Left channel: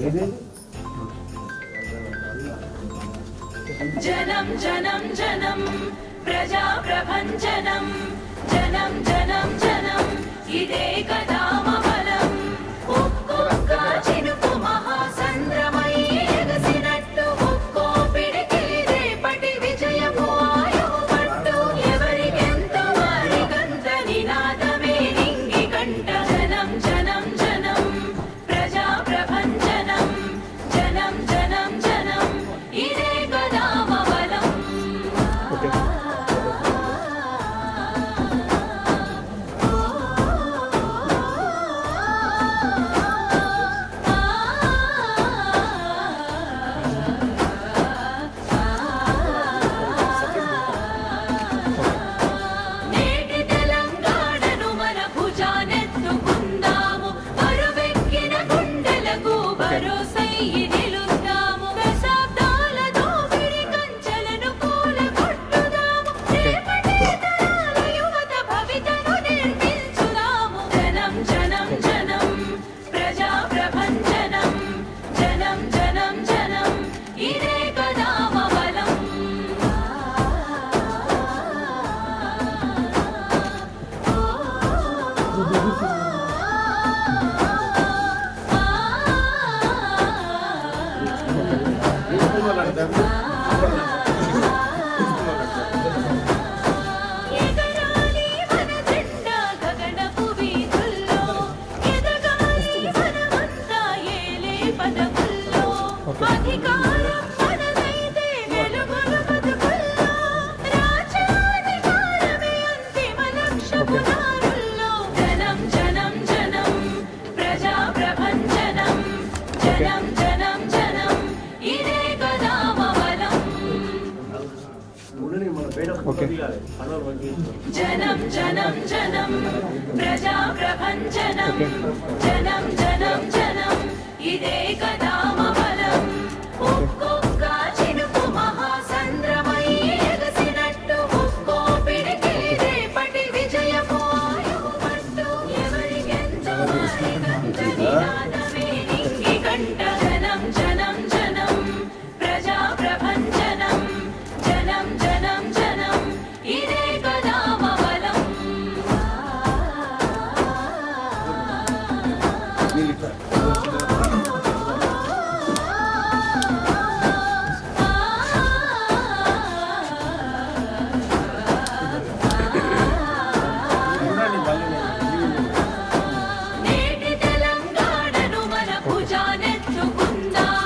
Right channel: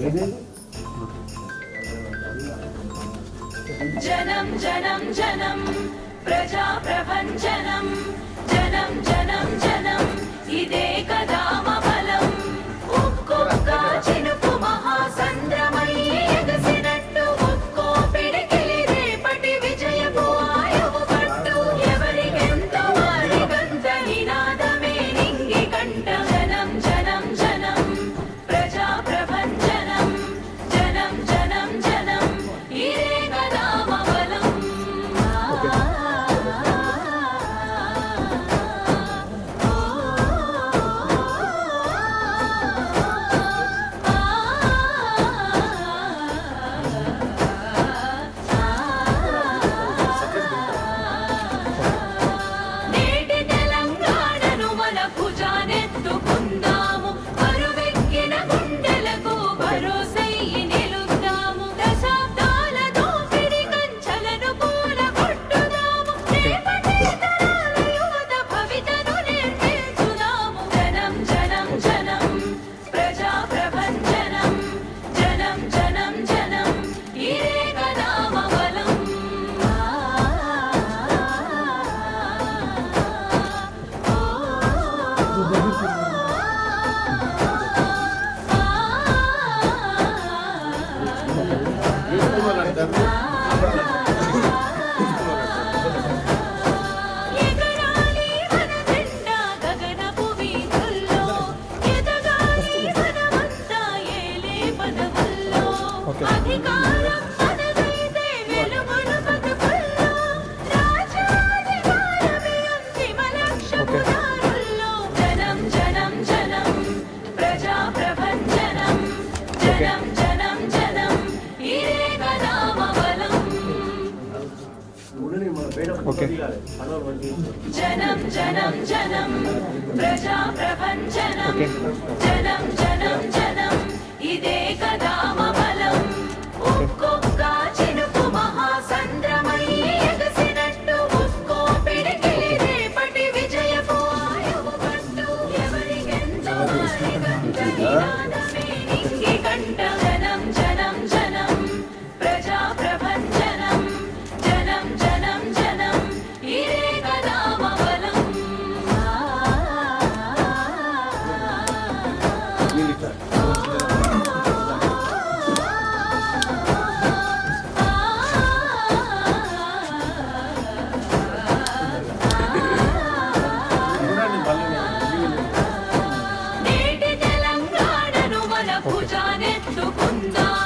జనం జనం జనం ప్రజా ప్రభంజనం జనం జనం జనం ఇదే కదా మమలం ఒక్కొక్క చినుకు మహాసంద్రమై ఎగసినట్టు ఒక్కో పిడికిలి రేపటి విజయపు ఆయువు పట్టు ఎవరికెంతో అరిగంత నినాదమే నింగి కంట జనం జనం జనం ప్రజా ప్రభంజనం జనం జనం జనం ఇదే కదా మమలం నేటి తెలంగాణను మన భుజానెత్తుకుందాము బరువెక్కిన గుండెలకు భరోసెయ్యి నిలుద్దాము దశాబ్దాల దోపిడి కంచెలను కూలగొట్టుదాము రేపటి తరాల యువత భవితను నిర్మించుదాము జనం జనం జనం ప్రజా ప్రభంజనం జనం జనం జనం ఇదే కదా మమలం ఎగరాలి మన జెండా గగనపు వీధుల్లో ఎదగాలి మనమంతా ఏలే పదవుల్లో అధికారం మనదైతే వెలుగుల బతుకుల్లో రాజ్యాధికారమే అంతిమ లక్ష్యం దారుల్లో జనం జనం జనం ప్రజా ప్రభంజనం జనం జనం జనం ఇదే కదా మమలం జనం జనం జనం ప్రజా ప్రభంజనం జనం జనం జనం ఇదే కదా మమలం ఒక్కొక్క చినుకు మహాసంద్రమై ఎగసినట్టు ఒక్కో పిడికిలి రేపటి విజయపు ఆయువు పట్టు ఎవరికెంతో నినాదమే నింగి కంట జనం జనం జనం ప్రజా ప్రభంజనం జనం జనం జనం ఇదే కదా మమలం నేటి తెలంగాణను మన భుజానెత్తుకుందాము